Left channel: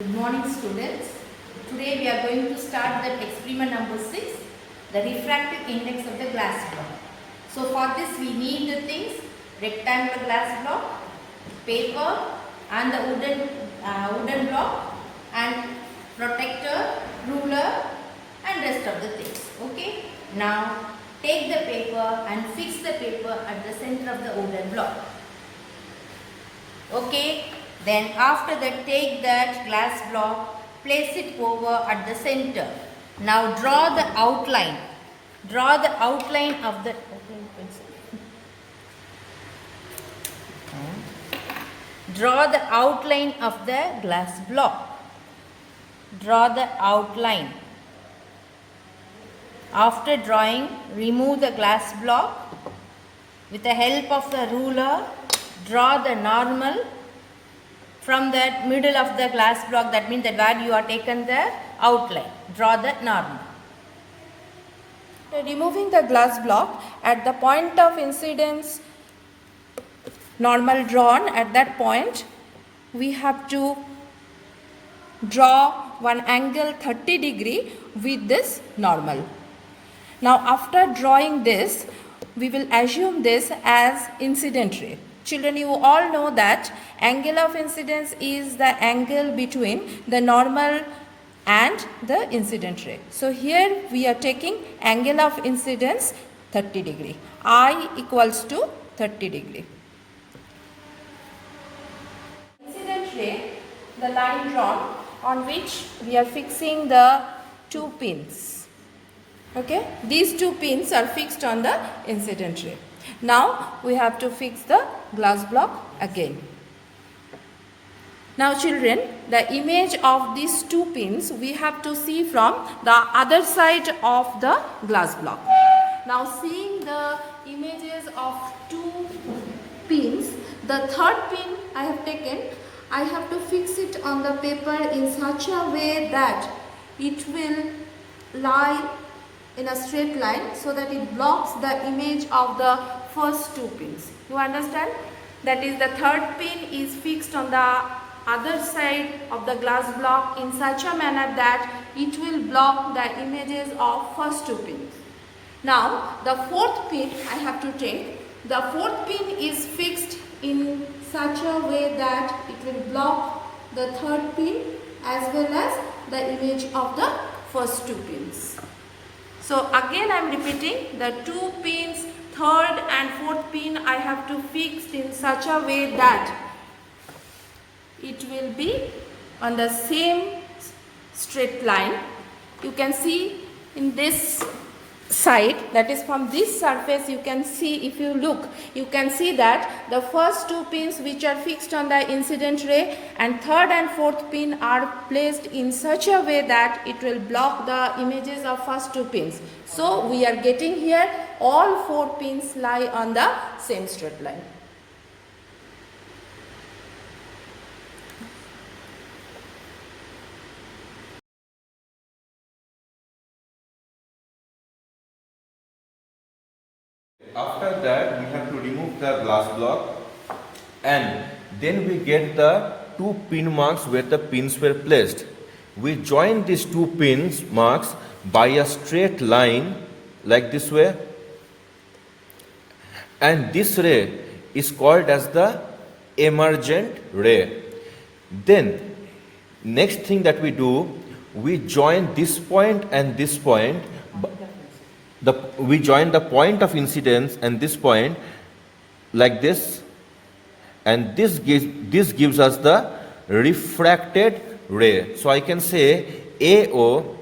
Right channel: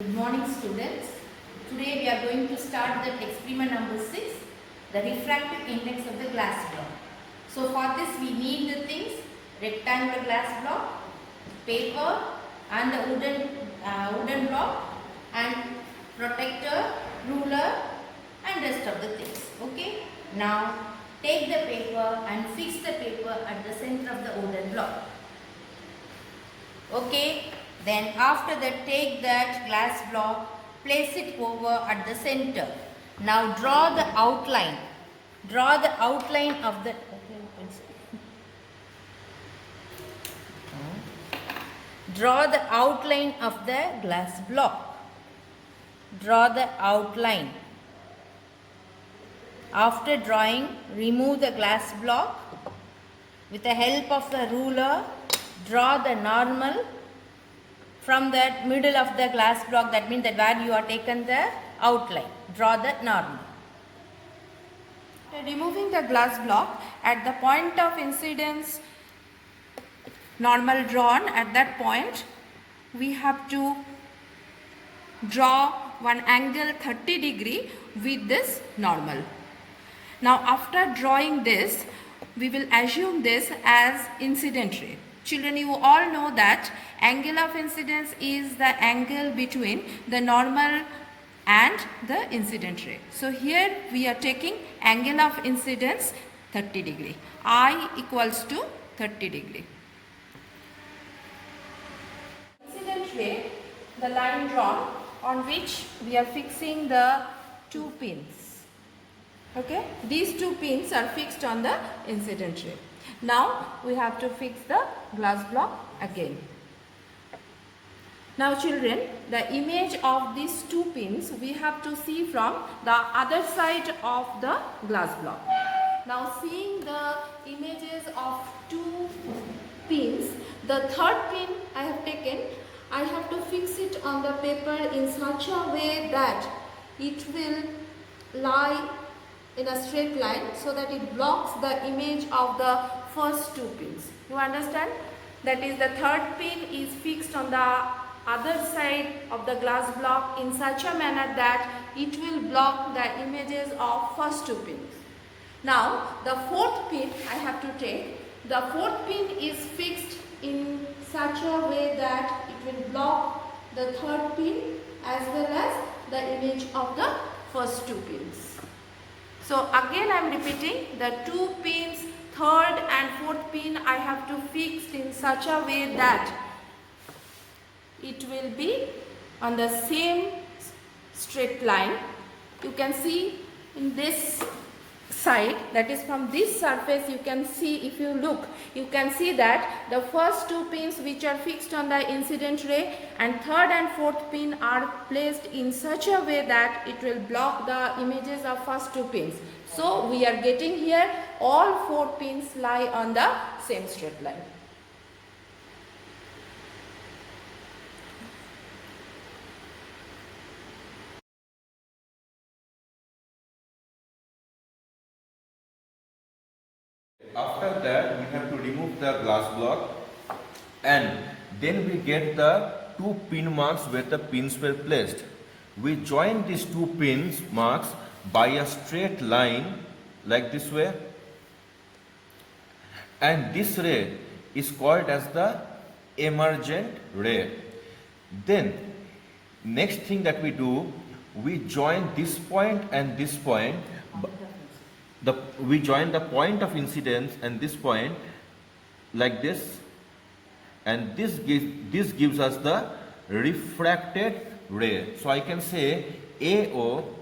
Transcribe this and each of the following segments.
Good morning students. Today we are going to start that experiment number 6, the refractive index of the glass block. So for this we need the things: rectangular glass block, paper and the wooden block, and protector, ruler and rest of the things. Okay. Now take the paper and fix the paper at the center of the wooden block. Okay. Then after that, take that glass block, place it over at the center. Now draw the outline. Draw the outline of the draw the outline of the glass block. Draw the outline. After drawing, remove the glass block. With the help of the ruler, draw the normal from the middle of the glass block, that means that where you are taken the outline. Draw the normal. Removing the glass block at the point of incidence normal drawn, at that point we have to draw one angle 30 degree with this normal. Now after drawing this, we will assume this as incident ray. Children, you all know that angle of incidence is the angle between the normal and the incident ray. So here we are taking angle of incidence 30 degree. I equals to 30 degree. Incident ray, the line drawn on which we are fixing the two pins. Okay, these two pins are fixed on the incident ray. Now we have to fix the glass block again. Now children, the image of these two pins we have to see from the other side of the glass block. Now seeing the images of two pins, the third pin I have taken, I have to fix it on the paper in such a way that it will lie in a straight line so that it blocks the image of the first two pins. You understand? That is, the third pin is fixed on the other side of the glass block in such a manner that it will block the images of first two pins. Now the fourth pin I have to take. The fourth pin is fixed in such a way that it will block the third pin as well as the image of the first two pins. So again I am repeating, the two pins, third and fourth pin I have to fix in such a way that it will be on the same straight line. You can see in this side, that is from this surface, you can see, if you look, you can see that the first two pins which are fixed on the incident ray and third and fourth pin are placed in such a way that it will block the images of first two pins. So we are getting here all four pins lie on the same straight line. After that, we have to remove the glass block, and then we get the two pin marks where the pins were placed. We join these two pins marks by a straight line like this way, and this ray is called as the emergent ray. Then next thing that we do, we join this point and this point. We join the point of incidence and this point like this, and this gives us the refracted ray. So I can say AO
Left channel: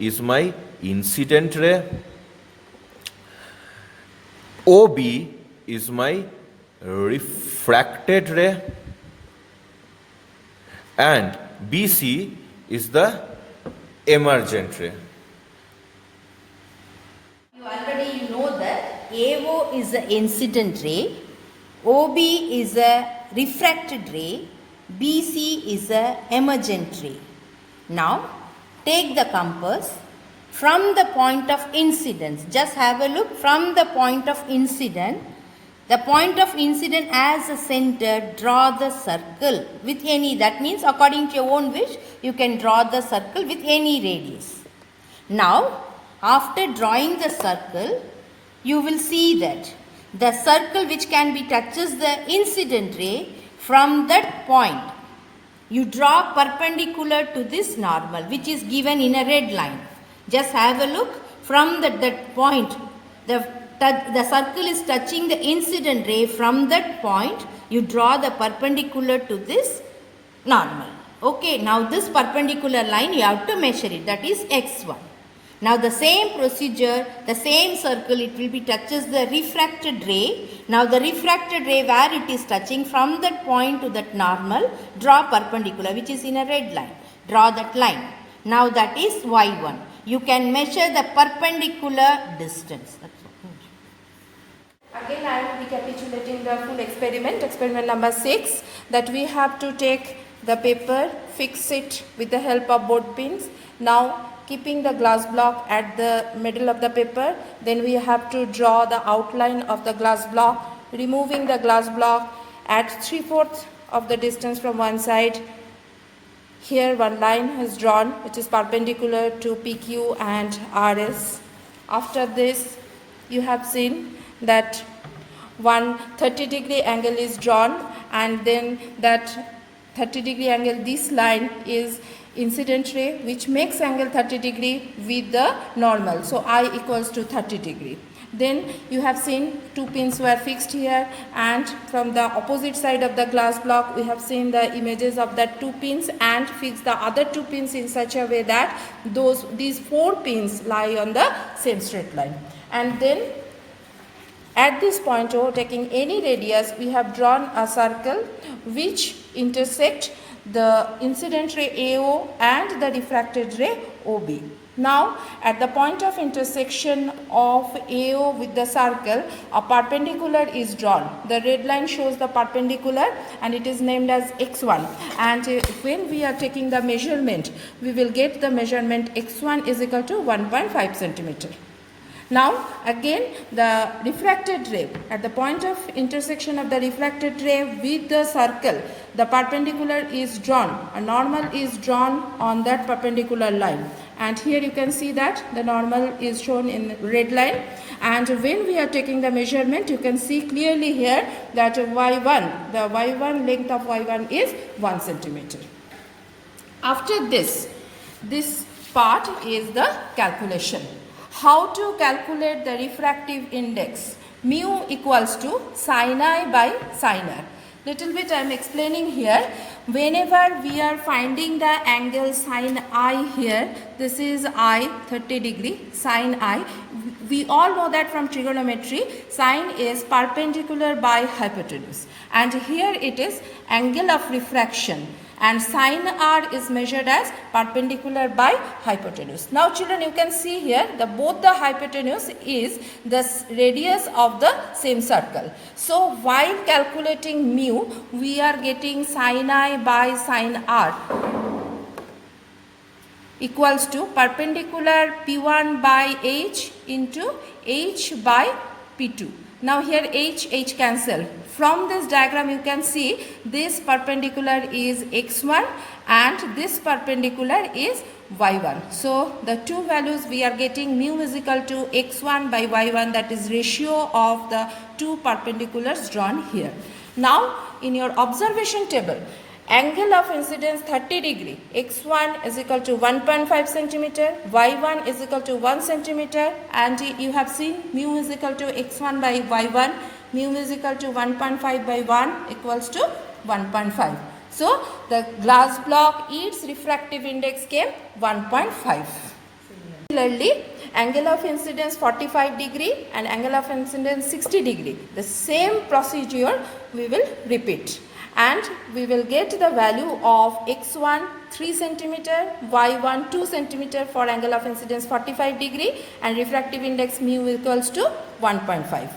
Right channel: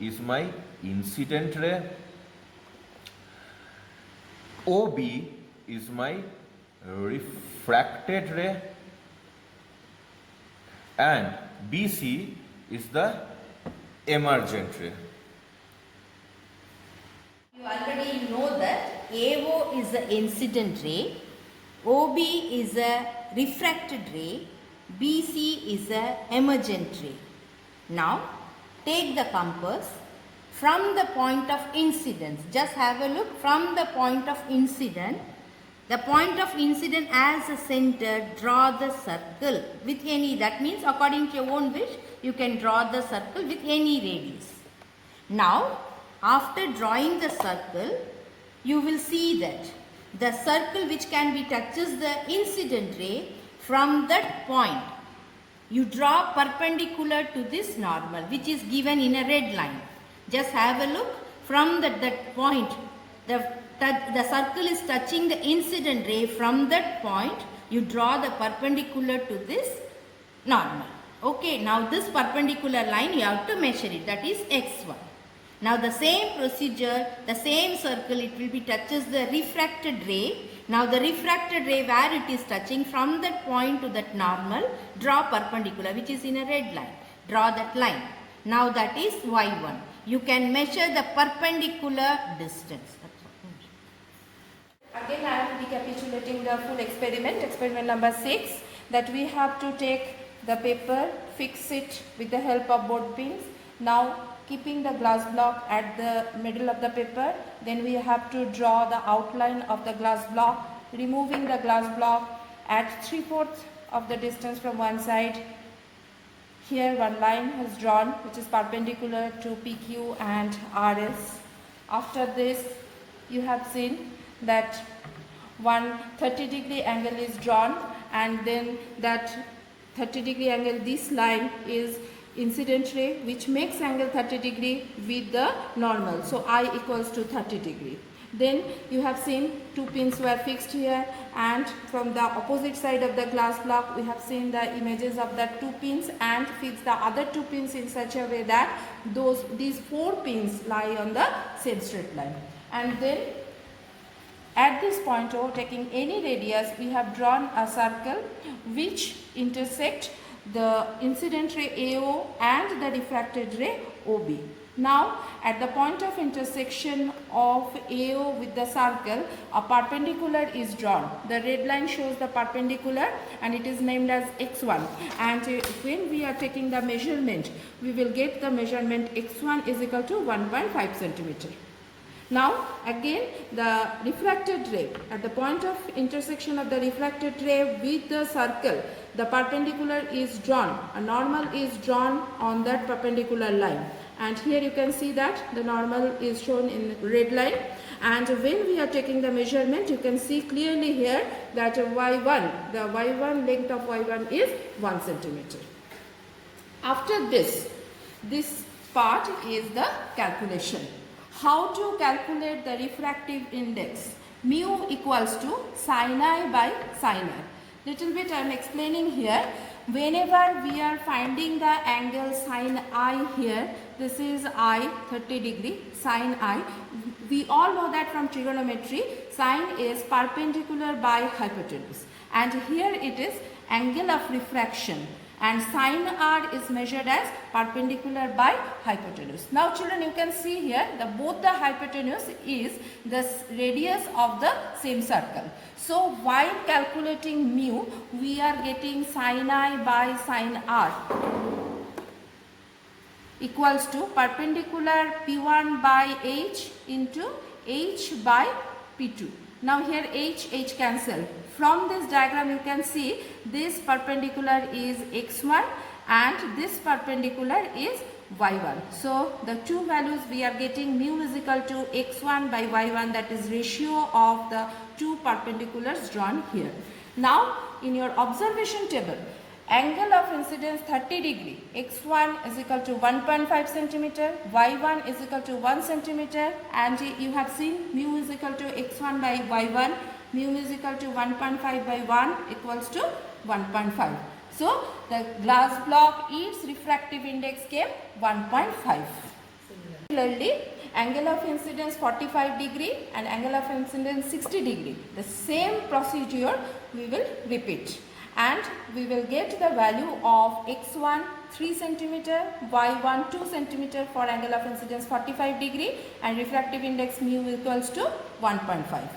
is my incident ray, OB is my refracted ray, and BC is the emergent ray. You already know that AO is the incident ray, OB is a refracted ray, BC is a emergent ray. Now take the compass from the point of incidence. Just have a look from the point of incidence. The point of incident as a center, draw the circle with any, that means according to your own wish, you can draw the circle with any radius. Now, after drawing the circle, you will see that the circle which can be touches the incident ray from that point. You draw perpendicular to this normal which is given in a red line. Just have a look from that point. The circle is touching the incident ray from that point. You draw the perpendicular to this normal. Okay, now this perpendicular line you have to measure it, that is x1. Now the same procedure, the same circle, it will be touches the refracted ray. Now the refracted ray where it is touching from that point to that normal, draw perpendicular which is in a red line. Draw that line. Now that is y1. You can measure the perpendicular distance. Again, I am recapitulating the full experiment, experiment number 6, that we have to take the paper, fix it with the help of board pins. Now, keeping the glass block at the middle of the paper, then we have to draw the outline of the glass block, removing the glass block at 3/4 of the distance from one side. Here one line is drawn which is perpendicular to PQ and RS. After this, you have seen that one 30-degree angle is drawn, and then that 30-degree angle, this line is incident ray which makes angle 30 degree with the normal. So I equals to 30 degree. Then you have seen two pins were fixed here, and from the opposite side of the glass block we have seen the images of the two pins and fix the other two pins in such a way that these four pins lie on the same straight line. And then at this point, taking any radius, we have drawn a circle which intersect the incident ray AO and the refracted ray OB. Now, at the point of intersection of AO with the circle, a perpendicular is drawn. The red line shows the perpendicular and it is named as x1. And when we are taking the measurement, we will get the measurement x1 is equal to 1.5 centimeter. Now again the refracted ray, at the point of intersection of the refracted ray with the circle, the perpendicular is drawn, a normal is drawn on that perpendicular line, and here you can see that the normal is shown in red line. And when we are taking the measurement, you can see clearly here that y1, the y1 length of y1 is 1 centimeter. After this part is the calculation. How to calculate the refractive index? Mu equals to sin I by sin R. Little bit I am explaining here. Whenever we are finding the angle sin I here, this is I 30 degree, sin I. We all know that from trigonometry, sin is perpendicular by hypotenuse. And here it is angle of refraction. And sin R is measured as perpendicular by hypotenuse. Now children, you can see here both the hypotenuse is the radius of the same circle. So while calculating mu, we are getting sin I by sin R equals to perpendicular P1 by H into H by P2. Now here H cancel. From this diagram you can see this perpendicular is x1 and this perpendicular is y1. So the two values we are getting, mu is equal to x1 by y1, that is ratio of the two perpendiculars drawn here. Now in your observation table, angle of incidence 30 degree, x1 is equal to 1.5 centimeter, y1 is equal to 1 centimeter, and you have seen mu is equal to x1 by y1, mu is equal to 1.5 by 1 equals to 1.5. So the glass block, its refractive index came 1.5. Similarly, angle of incidence 45 degree and angle of incidence 60 degree. The same procedure we will repeat. And we will get the value of x1 3 centimeter, y1 2 centimeter for angle of incidence 45 degree and refractive index mu equals to 1.5.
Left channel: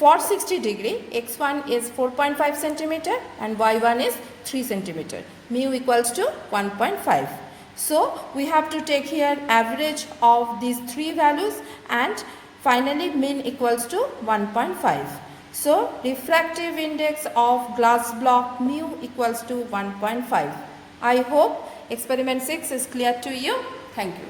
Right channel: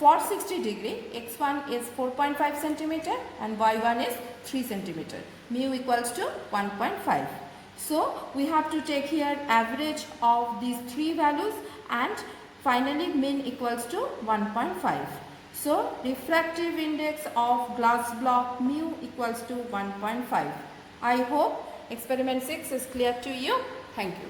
For 60 degree, x1 is 4.5 centimeter and y1 is 3 centimeter. Mu equals to 1.5. So we have to take here average of these three values and finally mean equals to 1.5. So refractive index of glass block mu equals to 1.5. I hope experiment 6 is clear to you. Thank you.